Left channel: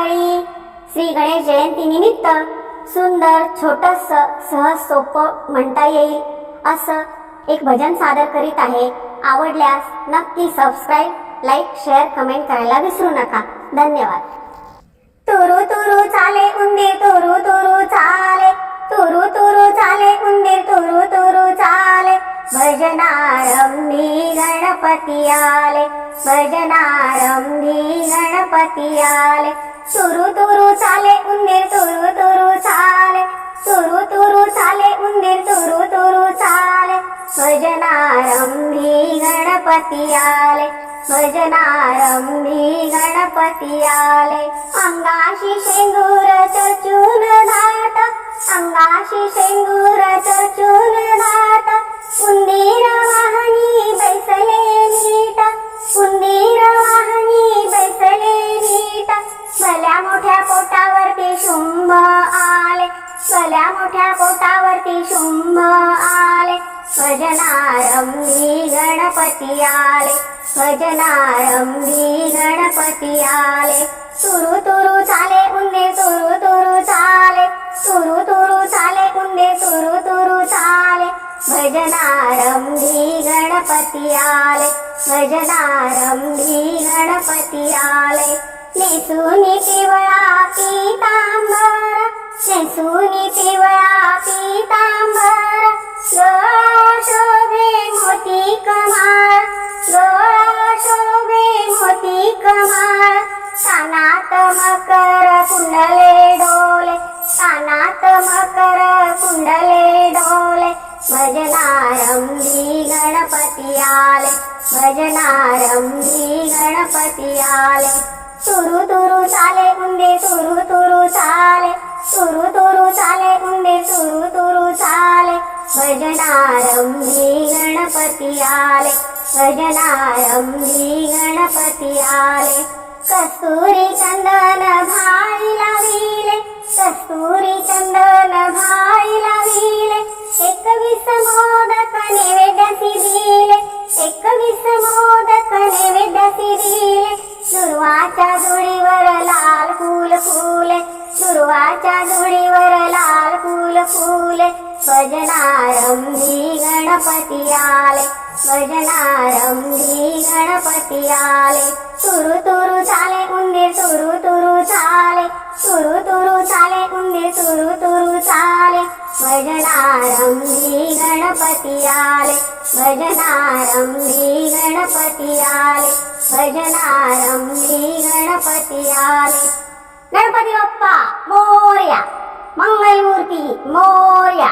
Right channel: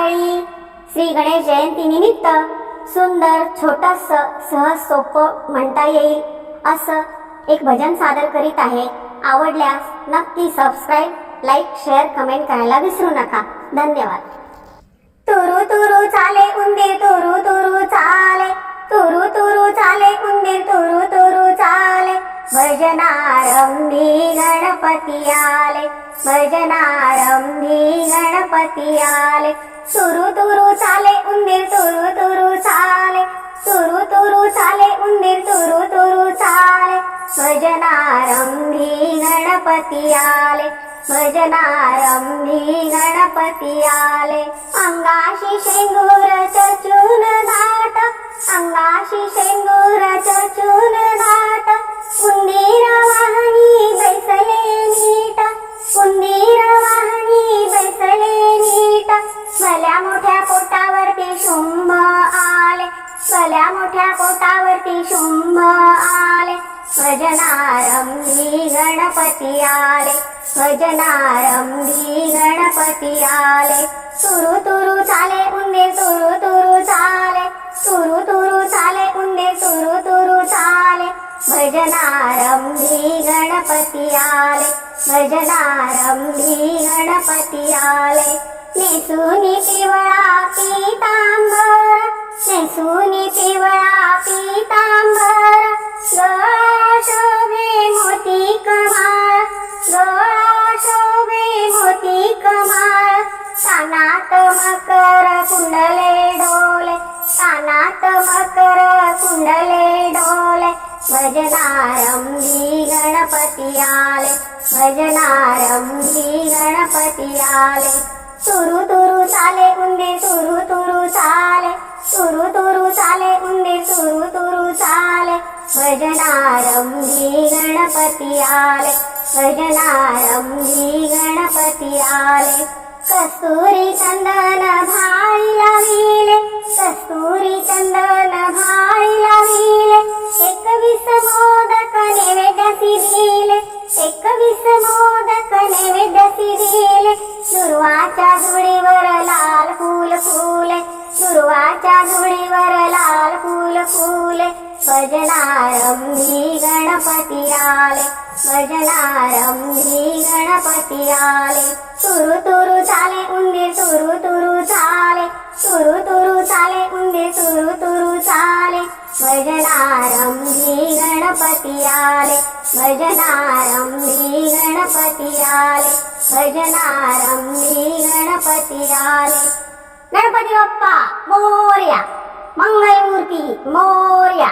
मंडळी श्री गणेश जयंती निमित्त सुंदर छोटस सहज सोपं म्हणता येईल असं एक भजन सादर करीत आहे. आवडल्यास नक्की सबस्क्राईब लाईक शेअर कमेंट करायला विसरू नका. धन्यवाद. तुरु तुरु चाले उंदीर चाले भजनारंभी गणपती आले भजनारंभी गणपती आले. तुरु तुरु चाले उंदीर तुरु तुरु चाले. तुरु तुरु चाले उंदीर तुरु तुरु चाले. भजनारंभी गणपती आले भजनारंभी गणपती आले. अंगाशी शेंगूर चचून दाट अंगाशी शेंगूर चचून मोठ्या पोटावरती शुंभ आले. भजनारंभी गणपती आले. भजनारंभी गणपती आले. तुरु तुरु चाले उंदीर तुरु तुरु चाले. तुरु तुरु चाले उंदीर तुरु तुरु चाले. भजनारंभी गणपती आले. भजनारंभी गणपती आले. नेसुनी पिवळा पीतांबर नेसुनी पिवळा पीतांबर गळा शोभे मोती कमाळ गळा शोभे मोती कमाळ. कानात मकर कुंडले डोले कानात मकर कुंडले डोले. भजनारंभी गणपती आले भजनारंभी गणपती आले. तुरु तुरु चाले उंदीर तुरु तुरु चाले तुरु चाले भजनारंभी गणपती आले भजनारंभी गणपती आले कस्तुरी चंदन भाई लाविले कस्तुरी चंदन भाई लाविले एकवीस मोदक नैवेद्यासी दिले एकवीस मोदक नैवेद्यासी दिले दुर्वाच्या धुळीवर लाल फूल फुले दुर्वाच्या धुळीवर लाल फूल फुले. भजनारंभी गणपती आले भजनारंभी गणपती आले तुरु तुरु चाले उंदीर तुरु तुरु चाले। तुरु तुरु चाले उंदीर तुरु तुरु चाले। भजनारंभी गणपती आले भजनारंभी गणपती आले भजनारंभी गणपती आले गणपती बाप्पा मोर्या। मंगलमूर्ती मोर्या।